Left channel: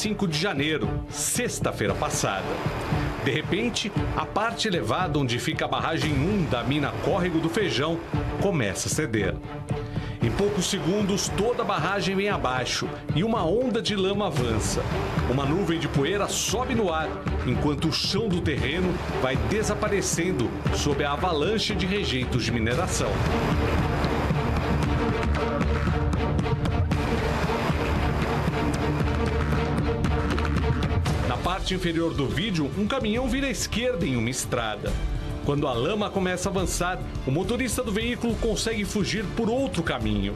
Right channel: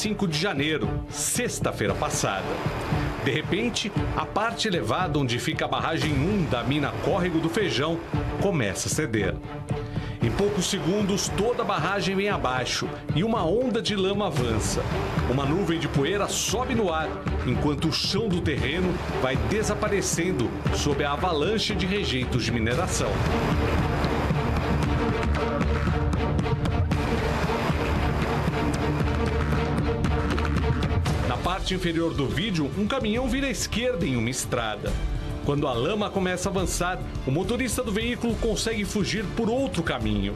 25 de janeiro, sexta-feira passada. De repente, a parte elevada onde fica a barragem 1 da mina Córrego do Feijão começa a ceder. Em poucos segundos, toda a barragem vem abaixo e uma onda de lama avança. Uma nuvem de poeira sobe no ar, enquanto o chão do terreno vai desaparecendo sob a avalanche de rejeitos de mineração. Na parte inferior do vídeo, um caminhão vira à esquerda em uma estrada. Quando a lama começa a avançar, o motorista do veículo consegue fugir por outro caminho.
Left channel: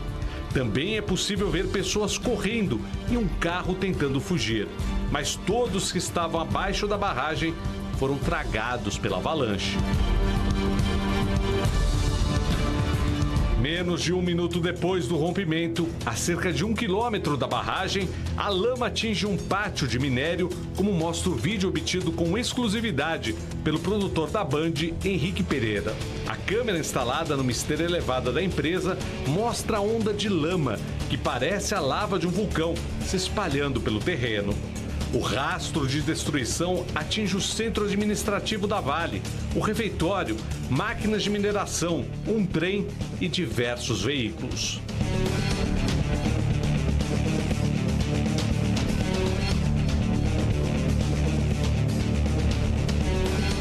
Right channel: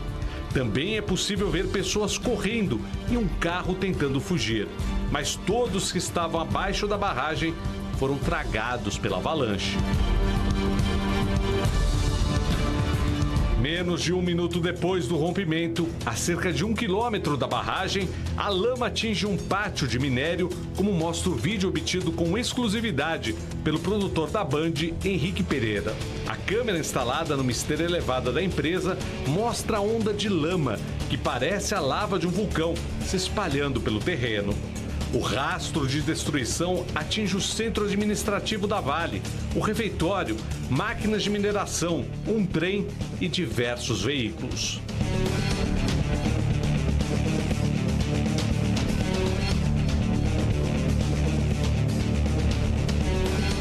Também é possível ver pessoas correndo e um carro tentando fugir. Mas todos que estavam abaixo da barragem foram tragados pela avalanche. Menos de um minuto depois do rompimento, a cerca de 1 quilômetro da barragem, a lama atinge um pátio de minério, como mostra o vídeo obtido com exclusividade pelo produtor da Band, Henrique Pereira. A câmera instalada numa esteira elevada da empresa mostra a onda de lama, que parece a lava de um vulcão, se espalhando pelo terreno. O rastro de destruição atinge o centro administrativo da Vale, o refeitório, máquinas de mineração, um trem e diversos veículos.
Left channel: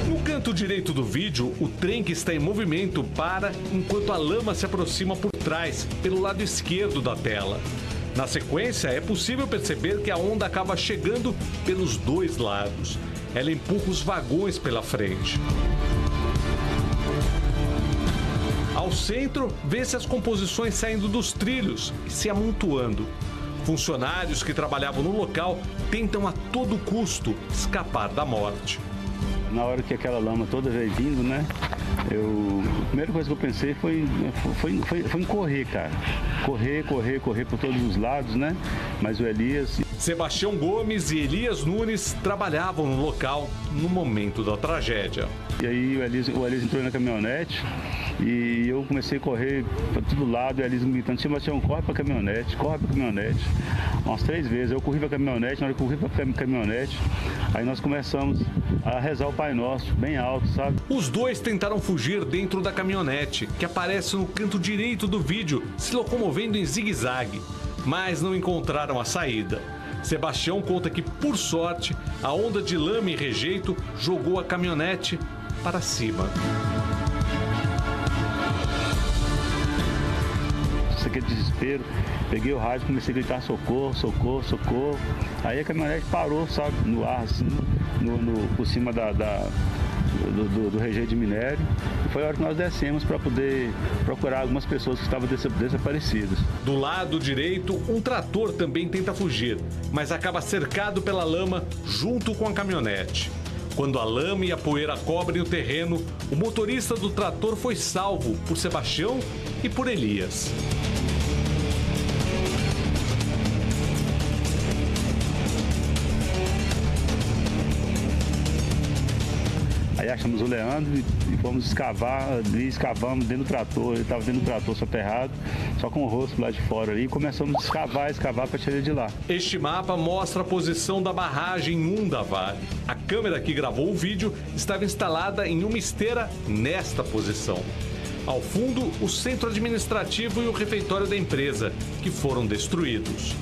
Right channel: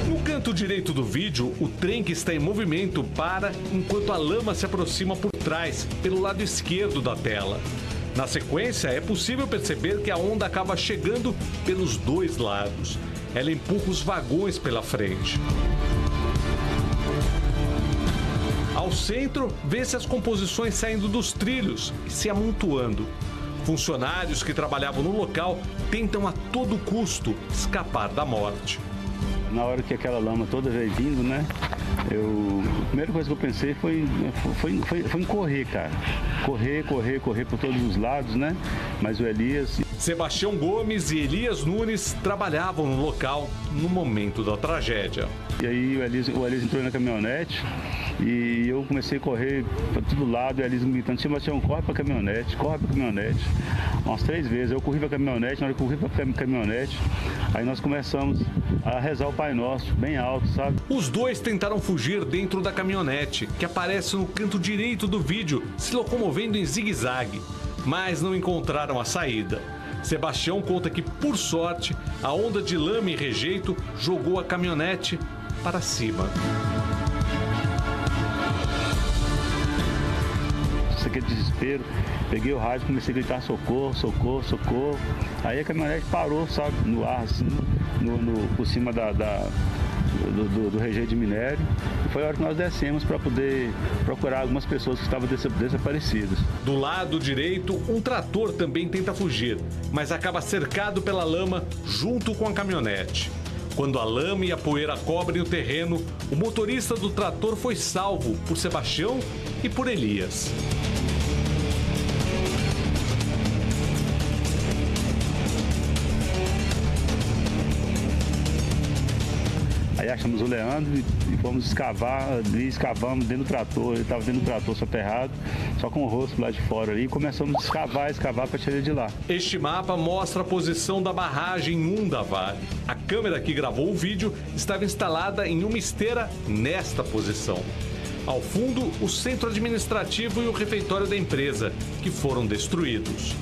No canto direito do vídeo, o trem que está em movimento para enquanto a lama se aproxima por trás, pelo lado esquerdo da tela. Na sequência, é possível perceber que a onda acaba chegando pelos dois lados. Ela empurra os vagões pela frente. Ao centro, vê-se as composições saindo dos trilhos e se amontoando. Funcionários que trabalhavam no local tentam a todo custo escapar da morte. Na hora que aquela lama toda veio vindo, né? A primeira coisa que eu pensei foi em correr, cara. Correr por todos os lados, né? Mas o Elias... Sebastião Gomes e Elias Nunes trabalhavam no local no momento da tragédia. E aí o Elias entrou na caminhonete e eu comecei a correr para todo lado, e o Elias me gritando: Sebastião, corre para a caminhonete, umas 3 vezes. Eu corri para a caminhonete, na hora que eu corri para a caminhonete, aí nós começamos a rezar o Pai Nosso, bem alto, sabe? Os dois tentaram fugir dentro da caminhonete, que aparece no canto direito do vídeo, se locomovendo em zigue-zague, mas não encontraram a saída. Sebastião conta que, por sorte, a onda de lama e rejeito jogou a caminhonete para cima. Isso aqui é desespero. Peguei o rádio, comecei a gritar: socorro, socorro, socorro. Aí a caminhonete parou, sabe, no ar, assim, por cima do rejeito de minério. E foi a hora que nós descemos para poder procurar algumas pessoas que estavam desaparecidas. Do lado direito, um trator também tenta fugir, mas acaba cercado pela lama junto com a caminhonete. Quando a lama e a poeira cobrem o terreno, o motorista do trator foi salvo por Sebastião e por Elias. Aí achamos o Leandro e fomos escavar, ali escavamos dentro do trator. Ele estava dentro do trator soterrado, só com o rosto lá de fora ali, e começamos a escavar para tirar ele de lá. Este mapa mostra a posição da barragem 1 da Vale. A câmera que gravou o vídeo estava instalada em uma esteira nesta posição. Ao fundo, o centro administrativo e o refeitório da empresa, que foram destruídos.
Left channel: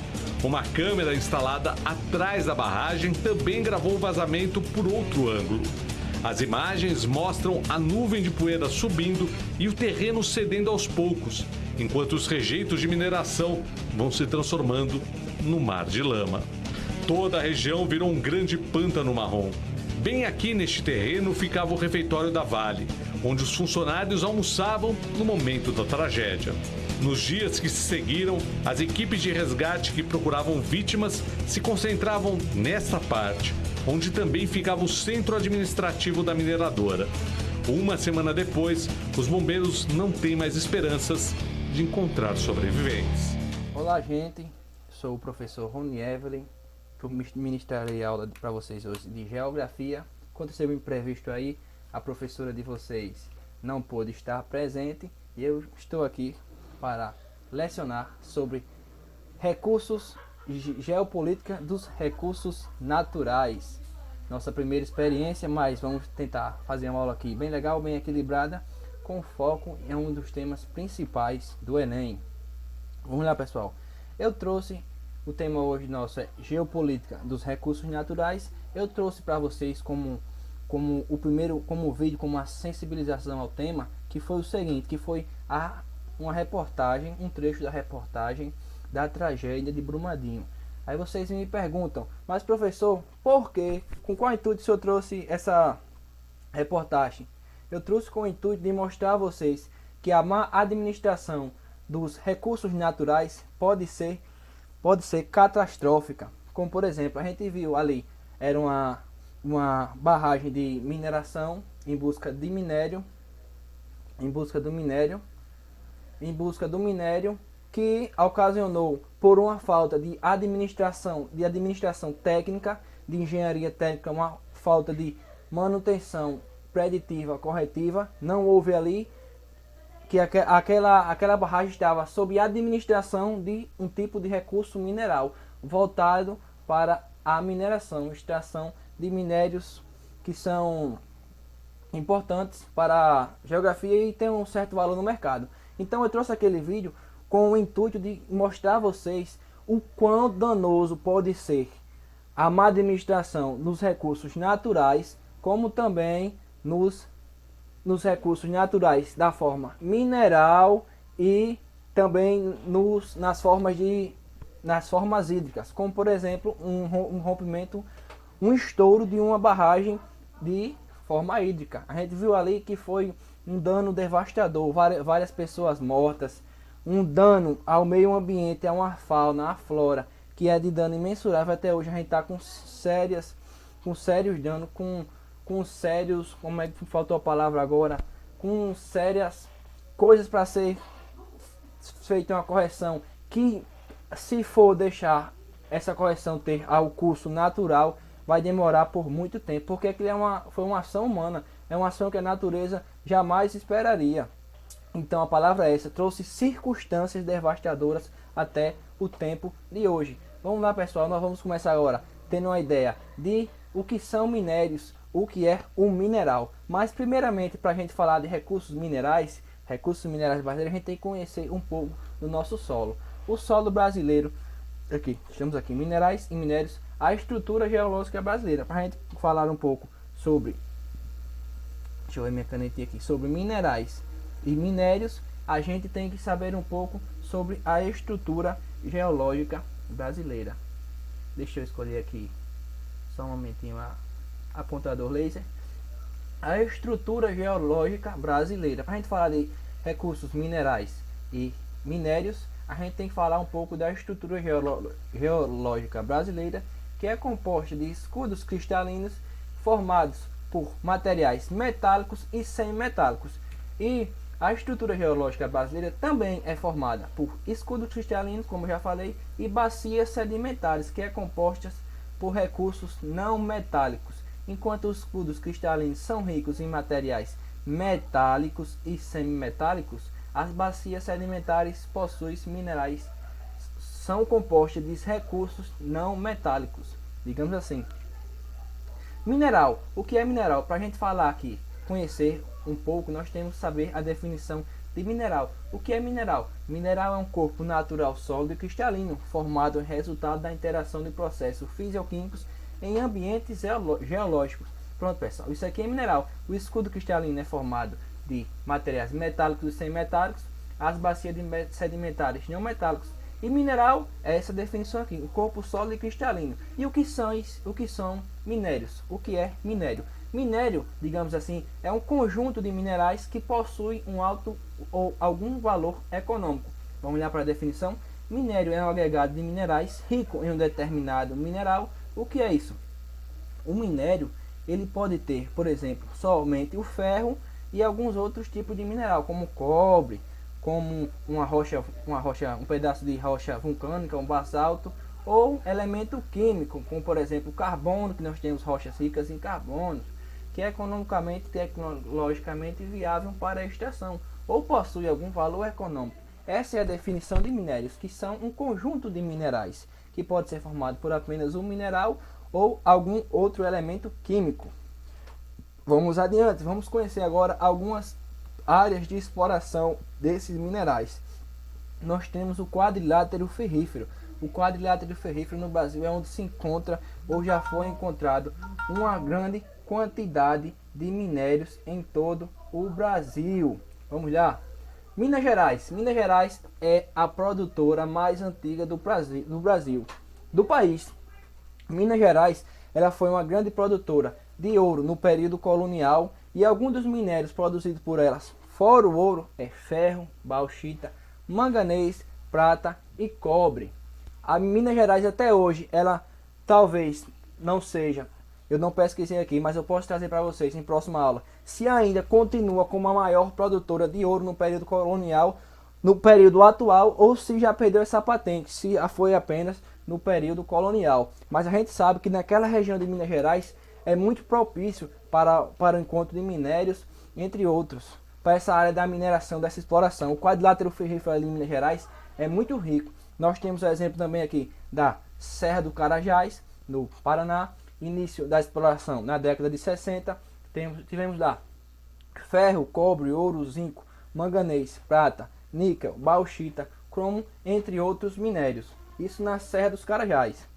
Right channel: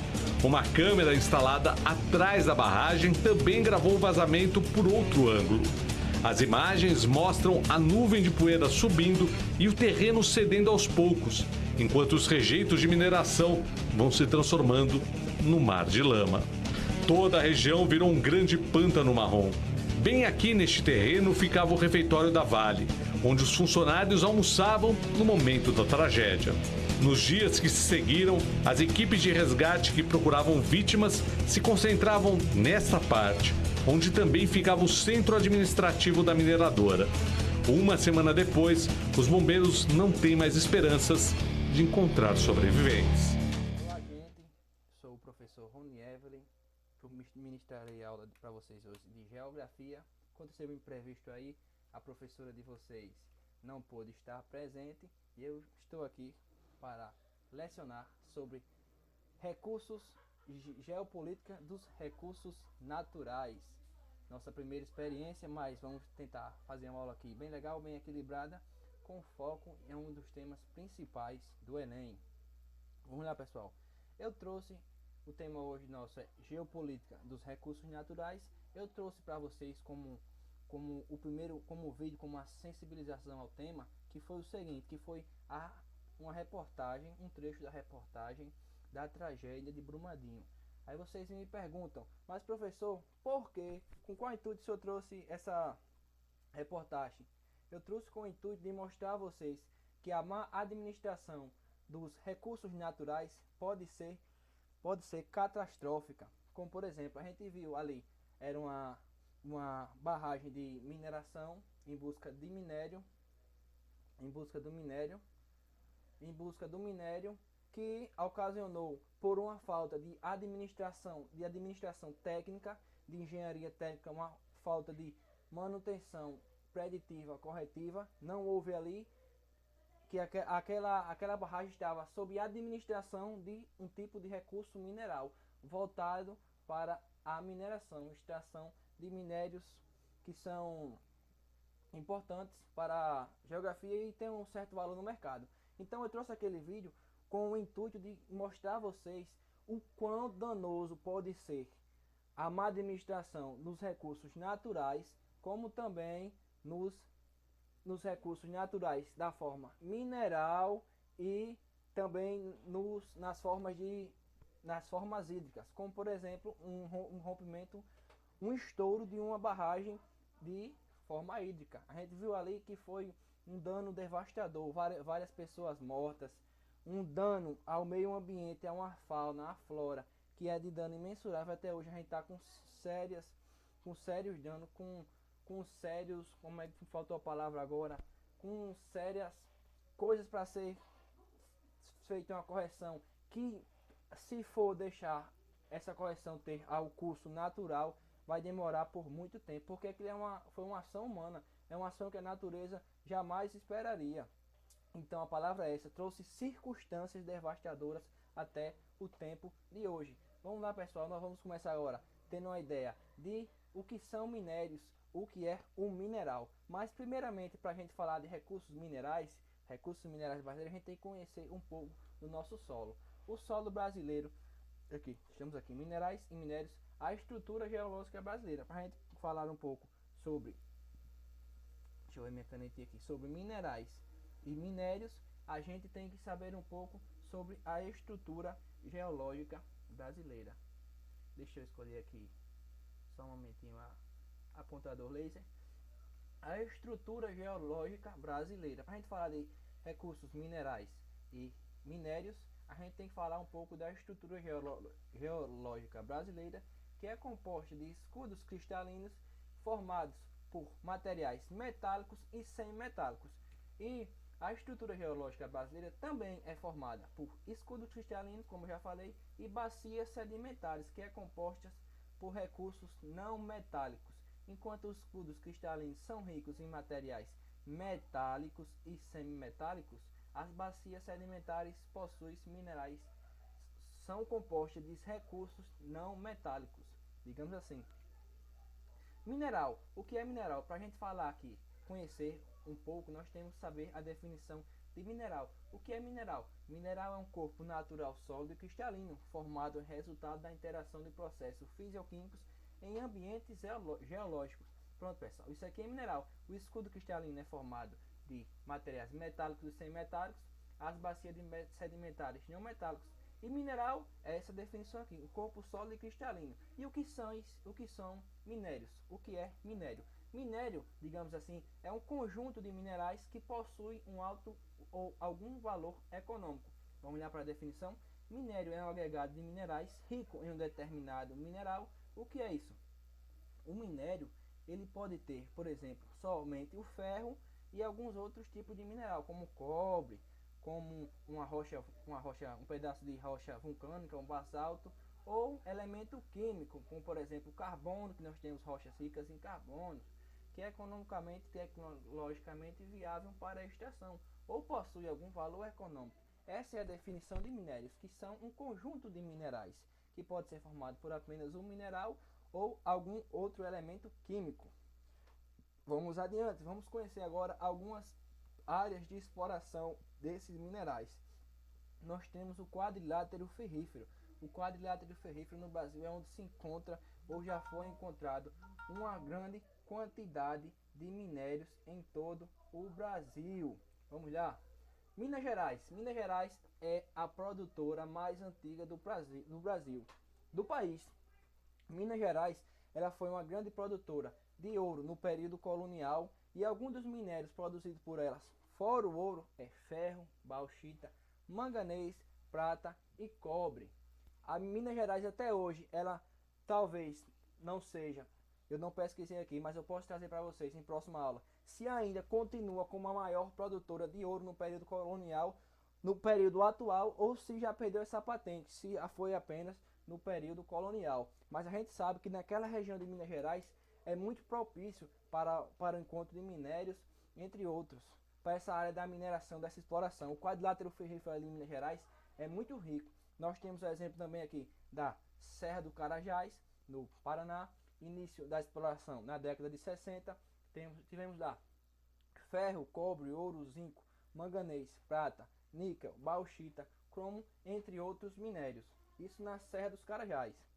Uma câmera instalada atrás da barragem também gravou o vazamento por outro ângulo. As imagens mostram a nuvem de poeira subindo e o terreno cedendo aos poucos, enquanto os rejeitos de mineração vão se transformando no mar de lama. Toda a região virou um grande pântano marrom. Bem aqui neste terreno ficava o refeitório da Vale, onde os funcionários almoçavam no momento da tragédia. Nos dias que se seguiram, as equipes de resgate que procuravam vítimas se concentravam nesta parte, onde também ficava o centro administrativo da mineradora. Uma semana depois, os bombeiros não têm mais esperanças de encontrar sobreviventes. Olá, gente. Sou o professor Rony Evelyn. Ministrarei aula para vocês hoje de Geografia. Aconteceu um imprevisto aí, a professora de vocês não pôde estar presente e eu estou aqui para lecionar sobre recursos geopolítica dos recursos naturais. Nossa primeira experiência, mas vamos tentar fazer uma aula aqui bem legal, bem equilibrada, com foco em um dos temas principais do Enem. Vamos lá, pessoal. Eu trouxe o tema hoje nosso é geopolítica dos recursos naturais. Eu trouxe para vocês como o primeiro, como vídeo, como uma sensibilização ao tema, que foi o seguinte, que foi uma reportagem, um trecho da reportagem da tragédia de Brumadinho. Aí vocês me perguntam, mas professor, por que, com qual intuito o senhor trouxe essa reportagem? Eu trouxe com o intuito de mostrar a vocês que a má administração dos recursos naturais pode ser catastrófica. Como por exemplo, a gente viu ali, era uma barragem de mineração em busca do minério que ocasionou por uma falta de administração técnica, de engenharia técnica, uma falta de manutenção preditiva, corretiva, não houve ali, que aquela barragem estava sob administração de um tipo de recurso mineral voltado para a mineração, extração de minérios que são importantes para a geografia e tem um certo valor no mercado. Então eu trouxe aquele vídeo com o intuito de mostrar a vocês o quão danoso pode ser a má administração nos recursos naturais, como também nos recursos naturais da forma mineral e também nas formas hídricas, como por exemplo um rompimento, um estouro de uma barragem de forma hídrica. A gente viu ali que foi um dano devastador, várias pessoas mortas, um dano ao meio ambiente, a uma fauna, a flora, que é de dano imensurável. Até hoje a gente está com sérios danos, com sérios, como é que faltou a palavra agora, com sérias coisas para ser feita uma correção, que se for deixar essa correção ter ao curso natural, vai demorar por muito tempo, porque aquilo foi uma ação humana, é uma ação que a natureza jamais esperaria. Então a palavra é essa, trouxe circunstâncias devastadoras até o tempo de hoje. Vamos lá, pessoal, nós vamos começar agora tendo uma ideia de o que são minérios, o que é um mineral. Mas primeiramente, para a gente falar de recursos minerais brasileiros, a gente tem que conhecer um pouco do nosso solo. O solo brasileiro, estamos aqui, minerais e minérios, a estrutura geológica brasileira. Para a gente falar um pouco sobre, deixa eu ver minha canetinha aqui, sobre minerais e minérios, a gente tem que saber um pouco sobre a estrutura geológica brasileira. Deixa eu escolher aqui só um momentinho apontador laser. A estrutura geológica brasileira. Para a gente falar de recursos minerais e minérios, a gente tem que falar um pouco da estrutura geológica brasileira, que é composta de escudos cristalinos formados por materiais metálicos e semimetálicos. E a estrutura geológica brasileira também é formada por escudos cristalinos, como eu já falei, e bacias sedimentares, que é compostas por recursos não metálicos. Enquanto os escudos cristalinos são ricos em materiais metálicos e semimetálicos, as bacias sedimentares possuem minerais, são compostas de recursos não metálicos, digamos assim. Mineral. O que é mineral? Para a gente falar aqui, conhecer um pouco, nós temos que saber a definição de mineral. O que é mineral? Mineral é um corpo natural sólido e cristalino, formado resultado da interação de processos fisioquímicos em ambientes geológicos. Pronto, pessoal, isso aqui é mineral. O escudo cristalino é formado de materiais metálicos e semimetálicos, as bacias sedimentares não metálicos. E mineral é essa definição aqui, o corpo sólido e cristalino. E o que são minérios? O que é minério? Minério, digamos assim, é um conjunto de minerais que possui um alto ou algum valor econômico. Vamos olhar para a definição. Minério é um agregado de minerais rico em um determinado mineral. O que é isso? O minério, ele pode ter, por exemplo, somente o ferro e alguns outros tipos de mineral, como cobre, como um pedaço de rocha vulcânica, um basalto, ou elemento químico, como por exemplo carbono, que nós temos rochas ricas em carbono, que é economicamente e tecnologicamente viável para a extração, ou possui algum valor econômico. Essa é a definição de minérios, que são um conjunto de minerais que pode ser formado por apenas um mineral ou algum outro elemento químico. Vamos adiante, vamos conhecer agora algumas áreas de exploração desses minerais. Nós temos o quadrilátero ferrífero. O quadrilátero ferrífero no Brasil é onde se encontra ou já foi encontrado uma grande quantidade de minérios em todo o Brasil. Vamos lá. Minas Gerais. Minas Gerais é a produtora mais antiga do país. Minas Gerais, ela foi uma grande produtora de ouro no período colonial e alguns dos minérios produzidos por elas, fora o ouro, é ferro, bauxita, manganês, prata e cobre. A Minas Gerais até hoje, ela talvez não seja, eu não pesquisei aqui, mas eu posso trazer para vocês em próxima aula, se ainda continua como a maior produtora de ouro no período colonial, no período atual, ou se já perdeu essa patente, se foi apenas no período colonial. Mas a gente sabe que naquela região de Minas Gerais é muito propício para o encontro de minérios, entre outros, para essa área da mineração, dessa exploração. O quadrilátero ferrífero ali em Minas Gerais é muito rico. Nós temos o exemplo também aqui da Serra do Carajás, no Paraná, início da exploração na década de 60. Tivemos lá ferro, cobre, ouro, zinco, manganês, prata, níquel, bauxita, cromo, entre outros minérios. Isso na Serra dos Carajás.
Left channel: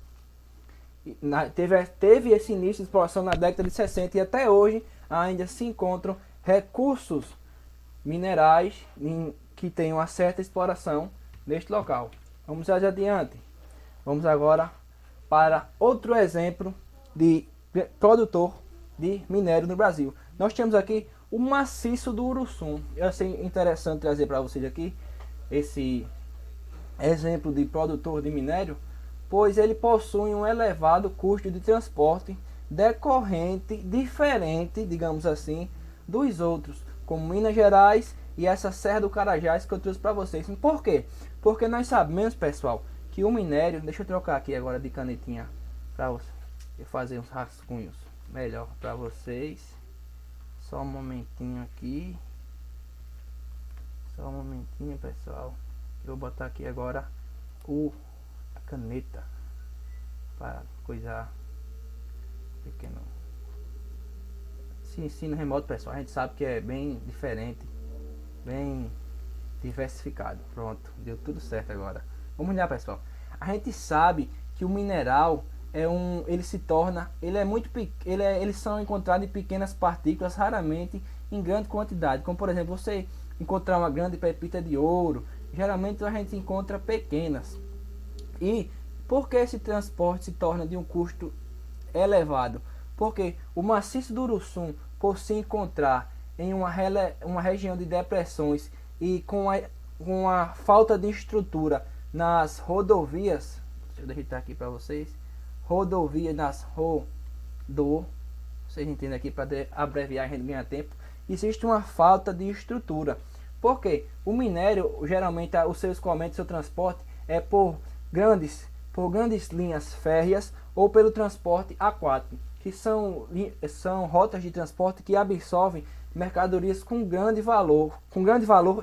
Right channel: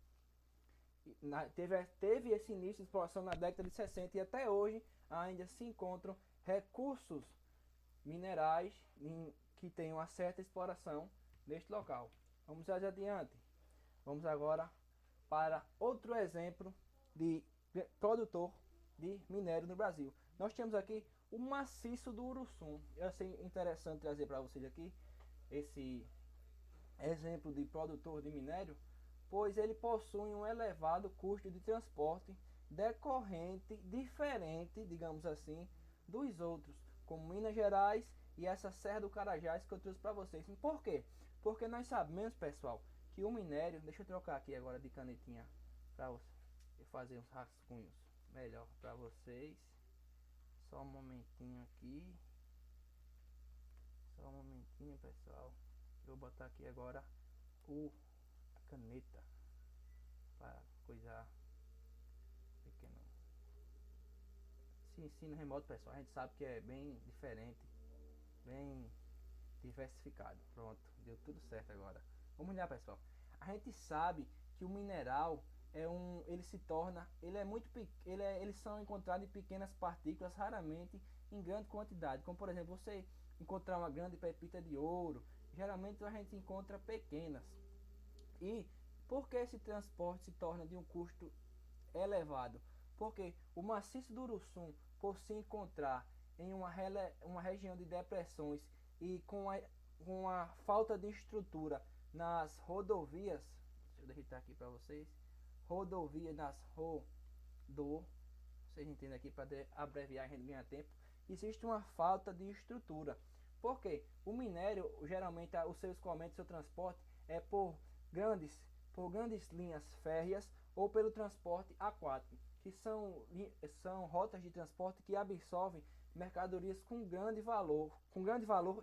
Teve esse início de exploração na década de 60 e até hoje ainda se encontram recursos minerais que têm uma certa exploração neste local. Vamos adiante. Vamos agora para outro exemplo de produtor de minério no Brasil. Nós temos aqui o maciço do Uruçum. Eu achei interessante trazer para vocês aqui esse exemplo de produtor de minério, pois ele possui um elevado custo de transporte decorrente, diferente, digamos assim, dos outros, como Minas Gerais e essa Serra do Carajás que eu trouxe para vocês. Por quê? Porque nós sabemos, pessoal, que o minério, deixa eu trocar aqui agora de canetinha para fazer uns rascunhos melhor para vocês. Só um momentinho aqui. Só um momentinho, pessoal. Eu vou botar aqui agora a caneta para coisar pequeno. Se ensino remoto, pessoal, a gente sabe que é bem diferente, bem diversificado. Pronto, deu tudo certo agora. Vamos lá, pessoal. A gente sabe que o mineral eles são encontrados em pequenas partículas, raramente em grande quantidade. Como por exemplo, você encontrar uma grande pepita de ouro, geralmente a gente encontra pequenas. E por que esse transporte se torna de um custo elevado? Porque o maciço do Uruçum, por se encontrar em uma região de depressões e com a falta de estrutura nas rodovias, deixa eu digitar aqui para vocês, vocês entendem aqui, para abreviar, a gente ganha tempo. Existe uma falta de estrutura. Porque o minério, geralmente, o seu escoamento, seu transporte é por grandes linhas férreas ou pelo transporte aquático, que são rotas de transporte que absorvem mercadorias com grande valor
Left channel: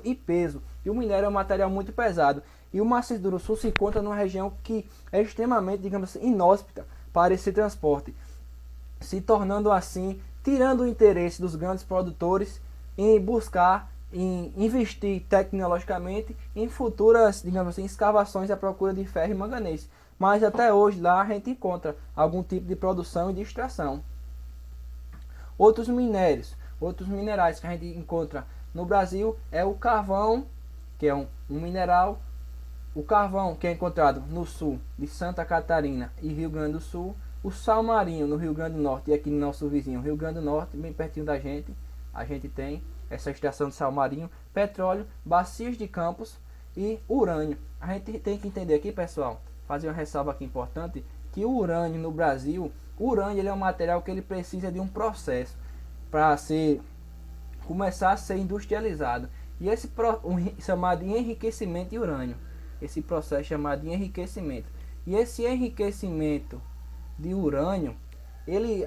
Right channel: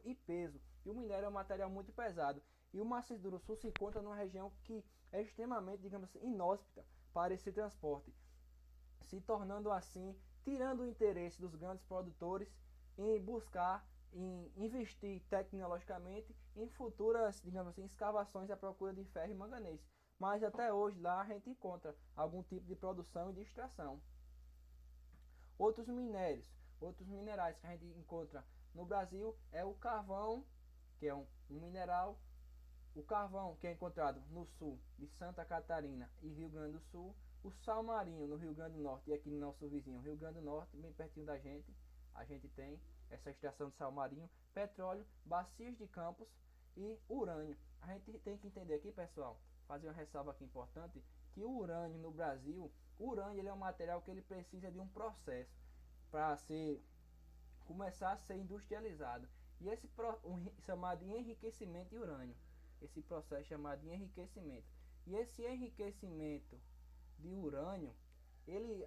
e peso. E o minério é um material muito pesado. E o maciço do Uruçum se encontra numa região que é extremamente, digamos assim, inóspita para esse transporte, se tornando assim, tirando o interesse dos grandes produtores em investir tecnologicamente em futuras, digamos assim, escavações à procura de ferro e manganês. Mas até hoje lá a gente encontra algum tipo de produção e de extração. Outros minerais que a gente encontra no Brasil é o carvão, que é um mineral. O carvão, que é encontrado no sul de Santa Catarina e Rio Grande do Sul. O sal marinho no Rio Grande do Norte e aqui no nosso vizinho Rio Grande do Norte, bem pertinho da gente, a gente tem essa extração de sal marinho, petróleo, bacias de campos e urânio. A gente tem que entender aqui, pessoal, fazer uma ressalva aqui importante, que o urânio no Brasil, ele é um material que ele precisa de um processo para começar a ser industrializado. E esse chamado de enriquecimento de urânio. Esse processo chamado de enriquecimento. E esse enriquecimento de urânio,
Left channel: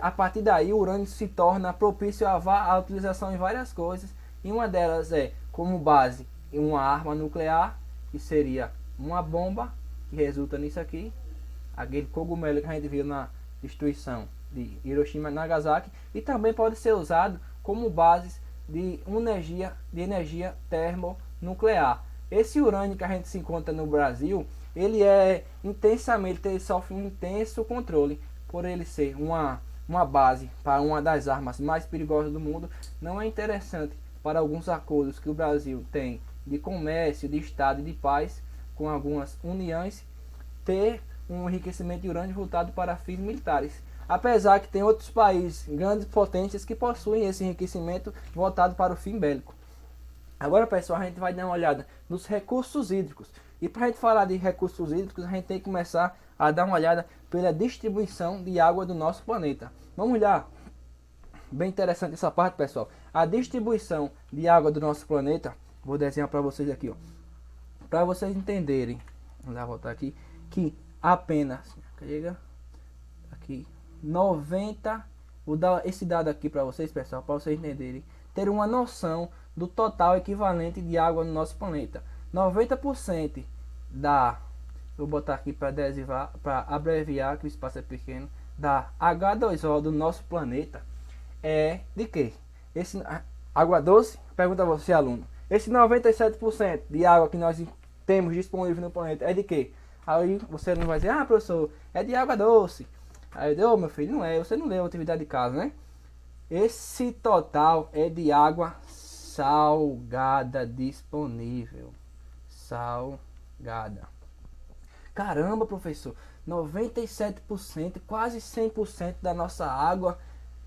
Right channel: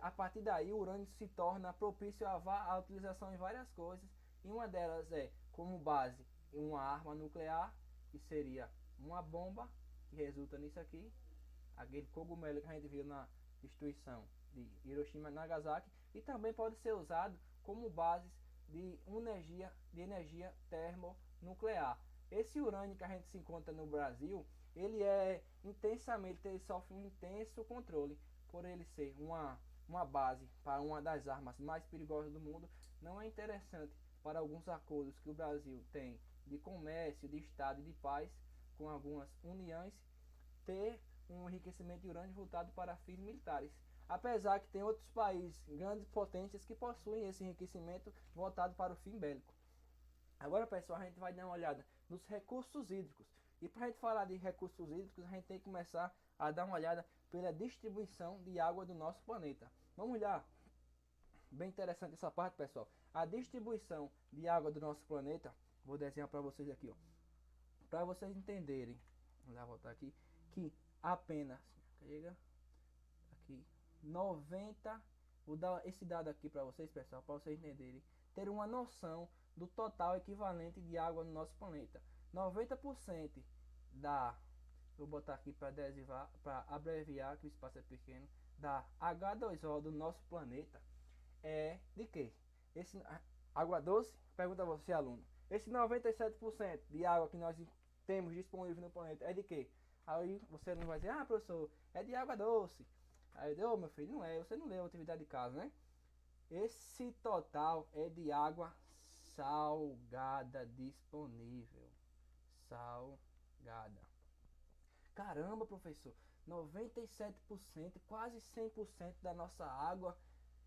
a partir daí o urânio se torna propício à utilização em várias coisas. E uma delas é como base uma arma nuclear, que seria uma bomba, que resulta nisso aqui. aquele cogumelo que a gente viu na destruição de Hiroshima e Nagasaki, e também pode ser usado como base de energia termonuclear. Esse urânio que a gente se encontra no Brasil, ele ele sofre um intenso controle por ele ser uma base para uma das armas mais perigosas do mundo. Não é interessante para alguns acordos que o Brasil tem de comércio, de estado e de paz com algumas uniões, ter um enriquecimento de urânio voltado para fins militares. Apesar que tem outros países, grandes potências, que possuem esse enriquecimento voltado para o fim bélico. Agora, pessoal, a gente vai dar uma olhada nos recursos hídricos. E para a gente falar de recursos hídricos, a gente tem que começar a dar uma olhada pela distribuição de água do nosso planeta. Vamos olhar. Bem interessante essa parte, pessoal. A distribuição de água do nosso planeta. Vou desenhar para vocês aqui, ó. Para vocês entenderem. Vamos lá, voltar aqui. Que apenas... Chega. Aqui. 90... Vou dar esse dado aqui para vocês, pessoal. Para vocês entenderem. Ter uma noção do total equivalente de água no nosso planeta. 90% da... Vou botar aqui para abreviar, que o espaço é pequeno. Da H2O do nosso planeta é de quê? Esse água doce? Pergunta a você, aluno. Esse 97% de água que nós temos disponível no planeta é de quê? Aí você não vai dizer, ah, professor, é de água doce. Aí eu digo, oh, meu filho, não é, você não leu a atividade de casa, né? Esse total é de água salgada disponível. Salgada. Caramba, professor, 97%, quase 100% da nossa água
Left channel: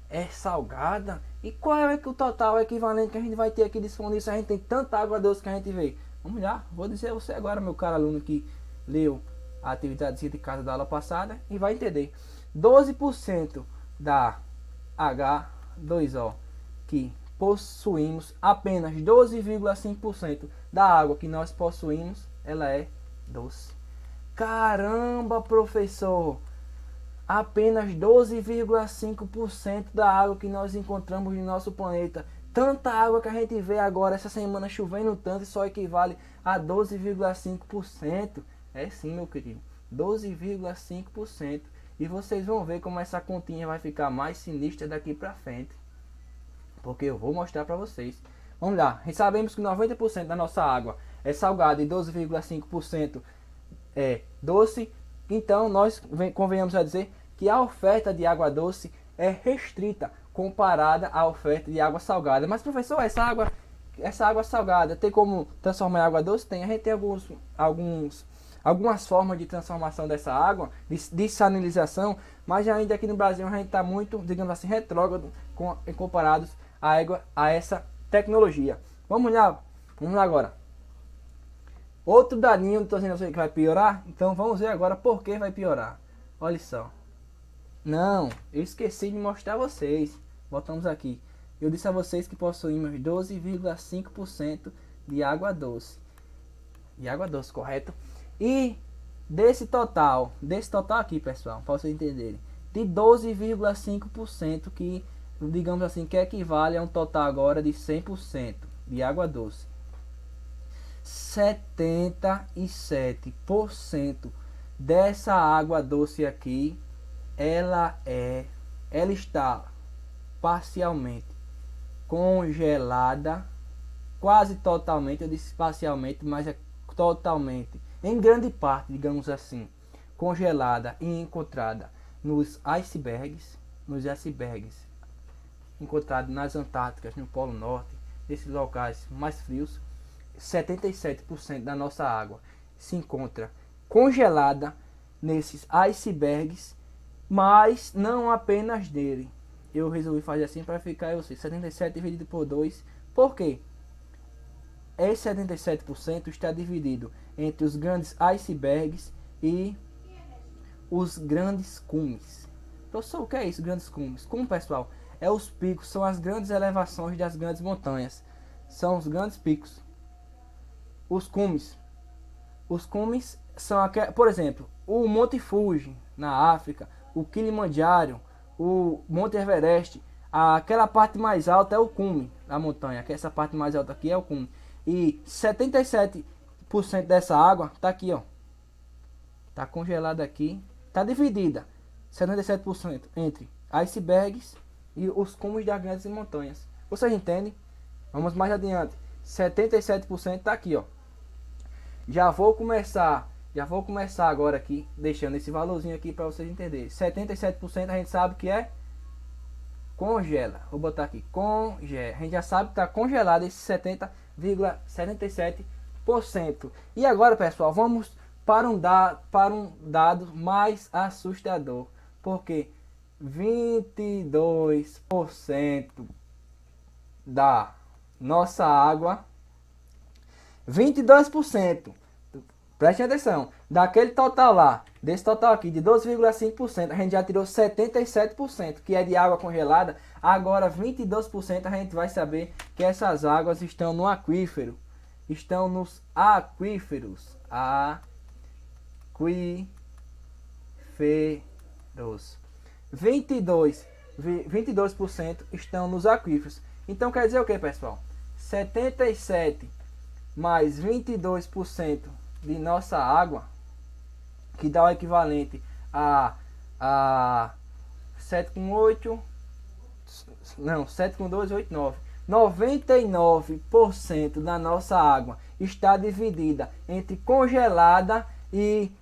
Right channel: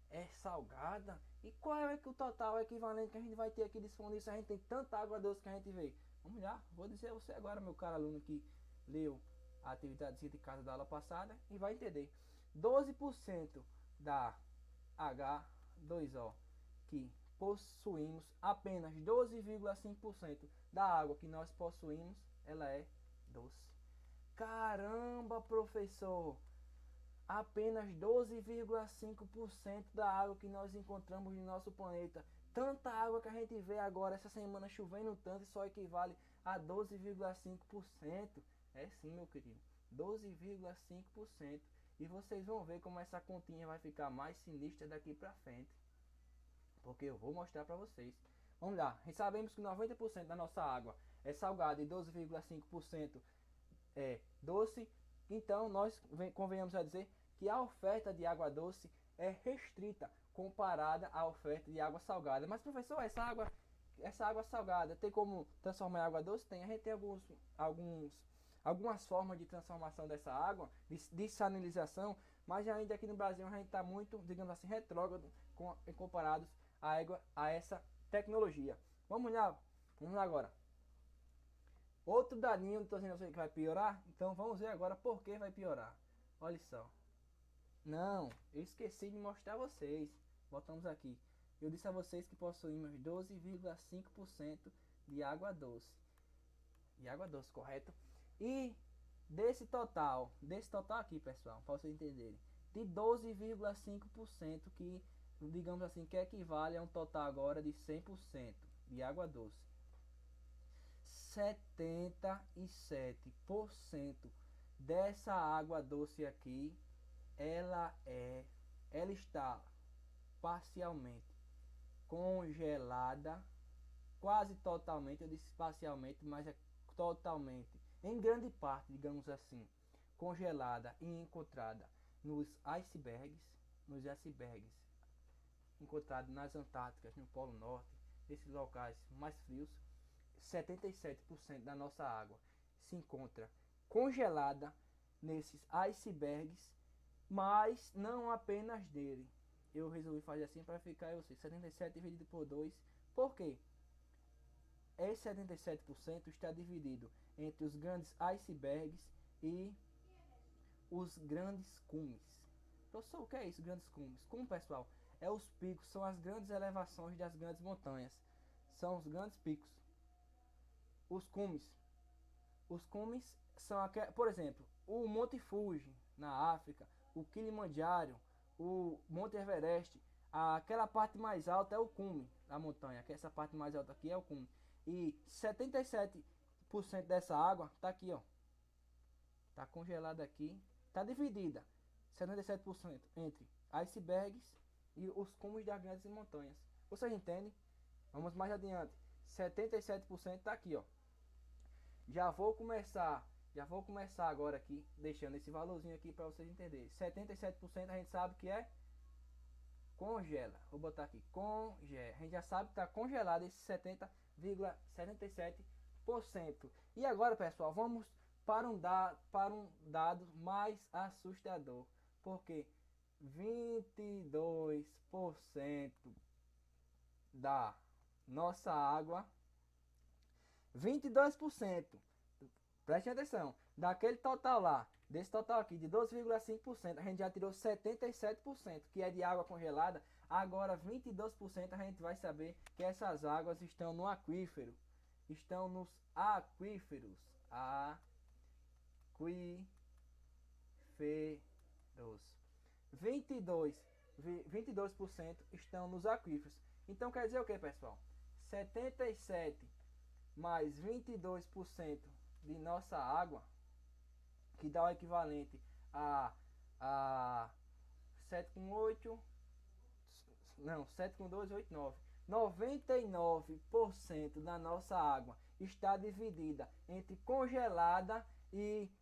é salgada. E qual é o total equivalente que a gente vai ter aqui disponível se a gente tem tanta água doce que a gente vê? Vamos lá, vou dizer a você agora, meu caro aluno que leu a atividade de casa da aula passada, e vai entender. 12% da H2O que possuímos, apenas 12,5% da água que nós possuímos, ela é doce. Caramba, professor! Apenas 12,5% da água que nós encontramos no nosso planeta. Tanta água que a gente vê agora, essa semana chovendo tanto, só equivale a 12,5%. É sim, meu querido. 12,5%. E vocês vão ver como essa continha vai ficar mais sinistra daqui pra frente. Porque eu vou mostrar pra vocês. Vamos lá. Sabemos que 90% da nossa água é salgada e 12,5% é doce. Então nós convenhamos a dizer que a oferta de água doce é restrita comparada à oferta de água salgada. Mas professor, essa água salgada tem como transformar em água doce? Tem. A gente tem algumas formas de transformação dessa água, de desalinização, mas ainda aqui no Brasil a gente está muito, digamos assim, retrógrado comparados a essa tecnologia. Vamos lá agora. Outro dadinho, estou dizendo que vai piorar, então vamos ver agora por que vai piorar. Olha só. Não, eu esqueci de mostrar a vocês. Voltamos aqui. Eu disse a vocês que possuímos 12,5% de água doce. De água doce, correto? E desse total aqui, pessoal, para vocês entenderem, de 12,5% que, digamos assim, que equivale a um total agora de 100% de água doce. 77% dessa água doce aqui, ela está parcialmente congelada, quase totalmente, eu disse parcialmente, mas é totalmente, em grande parte, digamos assim, congelada e encontrada nos icebergs encontrados nas Antárticas, no Polo Norte, nesses locais mais frios. 77% da nossa água se encontra congelada nesses icebergs, mas não apenas dele. Eu resolvi fazer assim para ficar, eu sei, 77 dividido por 2. Por quê? Esse 77% está dividido entre os grandes icebergs e os grandes cumes. Professor, o que é isso, grandes cumes? Cume, pessoal, é os picos, são as grandes elevações das grandes montanhas. São os grandes picos. Os cumes são aqueles, por exemplo, o Monte Fuji na África, o Kilimanjaro, o Monte Everest, aquela parte mais alta é o cume da montanha, que essa parte mais alta aqui é o cume. E 77% dessa água tá aqui, ó. Tá congelada aqui está dividida 77% entre icebergs e os cumes das grandes montanhas. Vocês entendem? Vamos mais adiante. 77% está aqui, ó. Já vou começar agora aqui, deixando esse valorzinho aqui para vocês entenderem. 77% a gente sabe que é congela. Vou botar aqui, congela. A gente já sabe que está congelado esse 70,77%. E agora, pessoal, vamos para um dado mais assustador. Porque 22% da nossa água, 22%, preste atenção, daquele total lá, desse total aqui de 12,5%, a gente já tirou 77%, que é de água congelada. Agora 22% a gente vai saber que essas águas estão no aquífero, estão nos aquíferos, 22% estão nos aquíferos. Então quer dizer o que, pessoal? 77 mais 22% de nossa água, que dá o equivalente a 7 com 8, não, 7 com 2, 8, 9. 99% da nossa água está dividida entre congelada e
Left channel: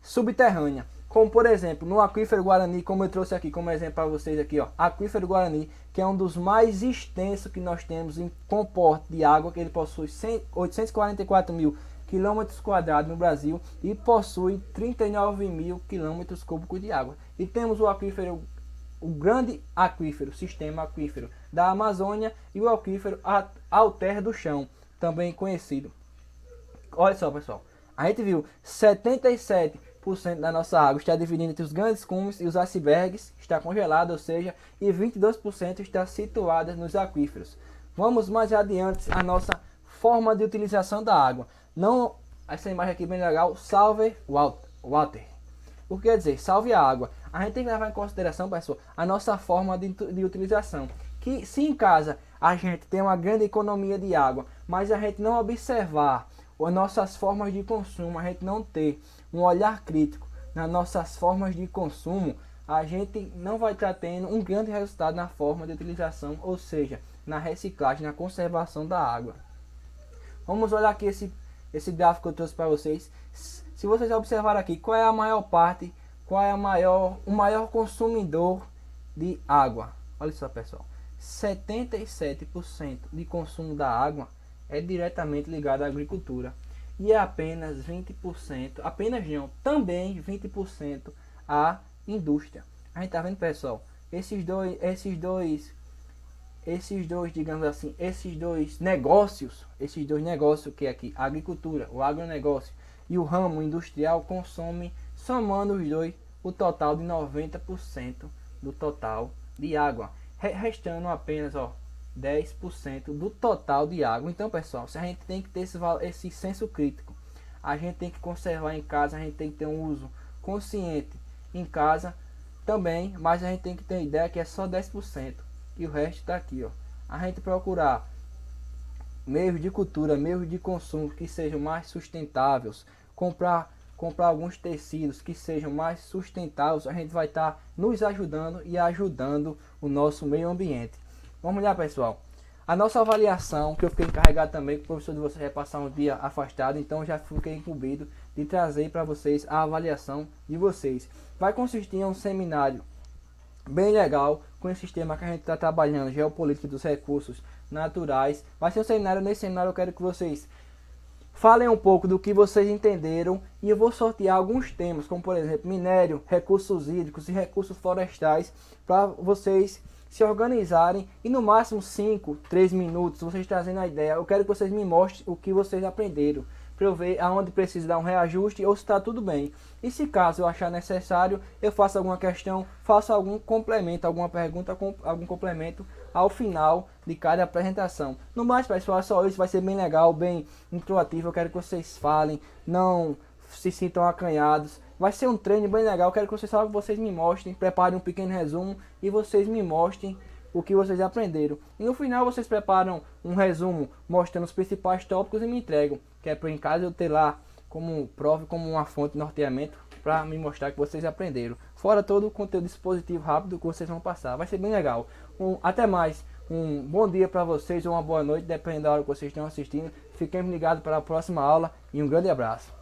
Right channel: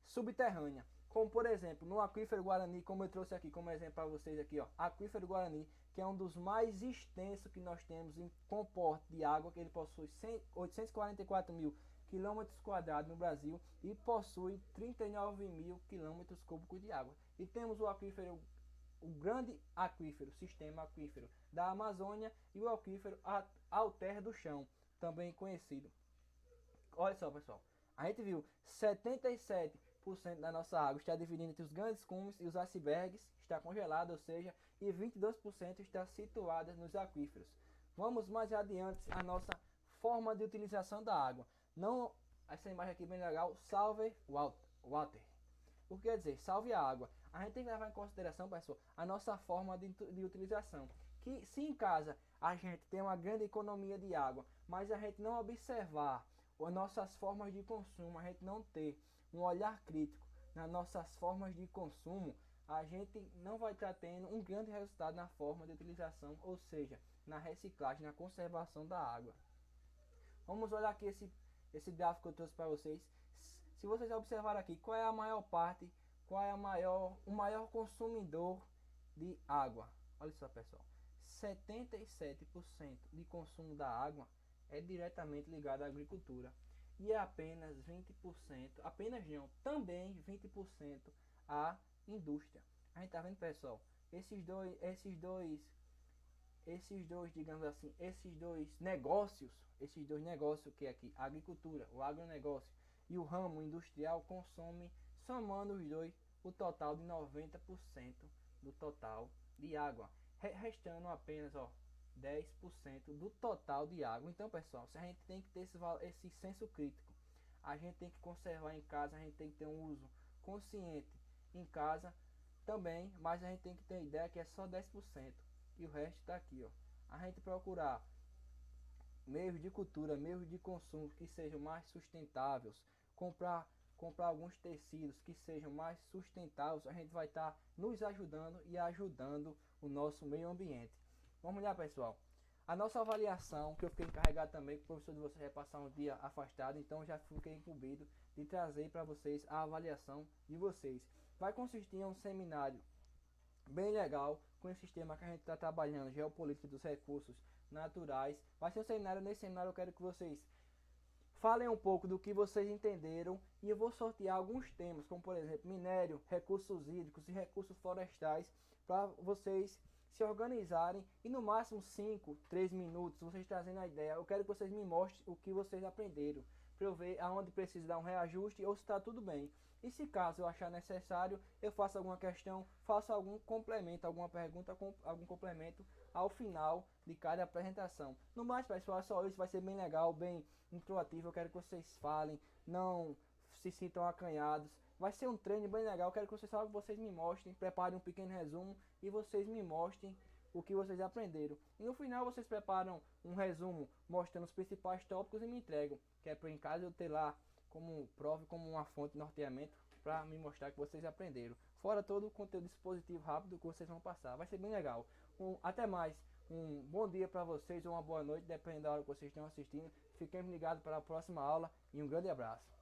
subterrânea. Como por exemplo, no aquífero Guarani, como eu trouxe aqui como exemplo para vocês aqui, ó, aquífero Guarani, que é um dos mais extensos que nós temos em comporte de água, que ele possui 844 mil quilômetros quadrados no Brasil e possui 39 mil quilômetros cúbicos de água. E temos o aquífero, o grande aquífero, sistema aquífero da Amazônia, e o aquífero Alter do Chão, também conhecido. Olha só, pessoal, a gente viu 77% da nossa água está dividida entre os grandes cumes e os icebergs, está congelada, ou seja, e 22% está situada nos aquíferos. Vamos mais adiante a nossa forma de utilização da água. Não, essa imagem aqui bem legal, salve water. O que quer dizer? Salve a água. A gente tem que levar em consideração, pessoal, a nossa forma de utilização. Que se em casa a gente tem uma grande economia de água, mas a gente não observar as nossas formas de consumo, a gente não ter um olhar crítico nas nossas formas de consumo, a gente não vai estar tendo um grande resultado na forma de utilização, ou seja, na reciclagem, na conservação da água. Vamos olhar aqui esse gráfico que eu trouxe para vocês. Se vocês observarem aqui, qual é a maior parte, qual é o maior consumidor de água? Olha só, pessoal, 77% de consumo da água é diretamente ligado à agricultura e é apenas 20%, apenas não, também 20% à indústria. A gente tá vendo, pessoal, esses dois, digamos assim, esses dois negócios que é aqui, a agricultura, o agronegócio e o ramo industrial consomem, somando os dois, o total de 90% do total de água, restando apenas, ó, 10% do total de água. Então, pessoal, se a gente tem que ter esse senso crítico, a gente tem que conservar em casa, a gente tem que ter um uso consciente em casa também, mas a gente tem que ter ideia que é só 10% e o resto está aqui, ó. A gente procurar meios de cultura, meios de consumo que sejam mais sustentáveis, comprar alguns tecidos que sejam mais sustentáveis, a gente vai estar nos ajudando e ajudando o nosso meio ambiente. Vamos lá, pessoal, a nossa avaliação, que eu fiquei encarregado também, que o professor de vocês vai passar um dia afastado, então já fiquei incumbido de trazer para vocês a avaliação de vocês. Vai consistir em um seminário bem legal, com esse sistema que a gente está trabalhando, geopolítica dos recursos naturais. Vai ser um seminário, nesse seminário eu quero que vocês falem um pouco do que vocês entenderam e eu vou sortear alguns temas, como por exemplo, minério, recursos hídricos e recursos florestais, para vocês se organizarem e no máximo 3 minutos, vocês trazendo a ideia. Eu quero que vocês me mostrem o que vocês aprenderam, para eu ver aonde precisa dar um reajuste ou se está tudo bem. E se caso eu achar necessário, eu faço alguma questão, faço algum complemento, alguma pergunta, algum complemento ao final de cada apresentação. No mais, pessoal, só isso, vai ser bem legal, bem intuitivo. Eu quero que vocês falem, não se sintam acanhados. Vai ser um treino bem legal, eu quero que vocês me mostrem, preparem um pequeno resumo e vocês me mostrem o que vocês aprenderam. E no final vocês preparam um resumo mostrando os principais tópicos e me entregam, que é para em casa eu ter lá como prova, como uma fonte de norteamento, para me mostrar que vocês aprenderam. Fora todo o conteúdo dispositivo rápido que vocês vão passar. Vai ser bem legal. Até mais. Um bom dia para vocês ou uma boa noite, dependendo da hora que vocês estão assistindo. Fiquem ligados para a próxima aula e um grande abraço.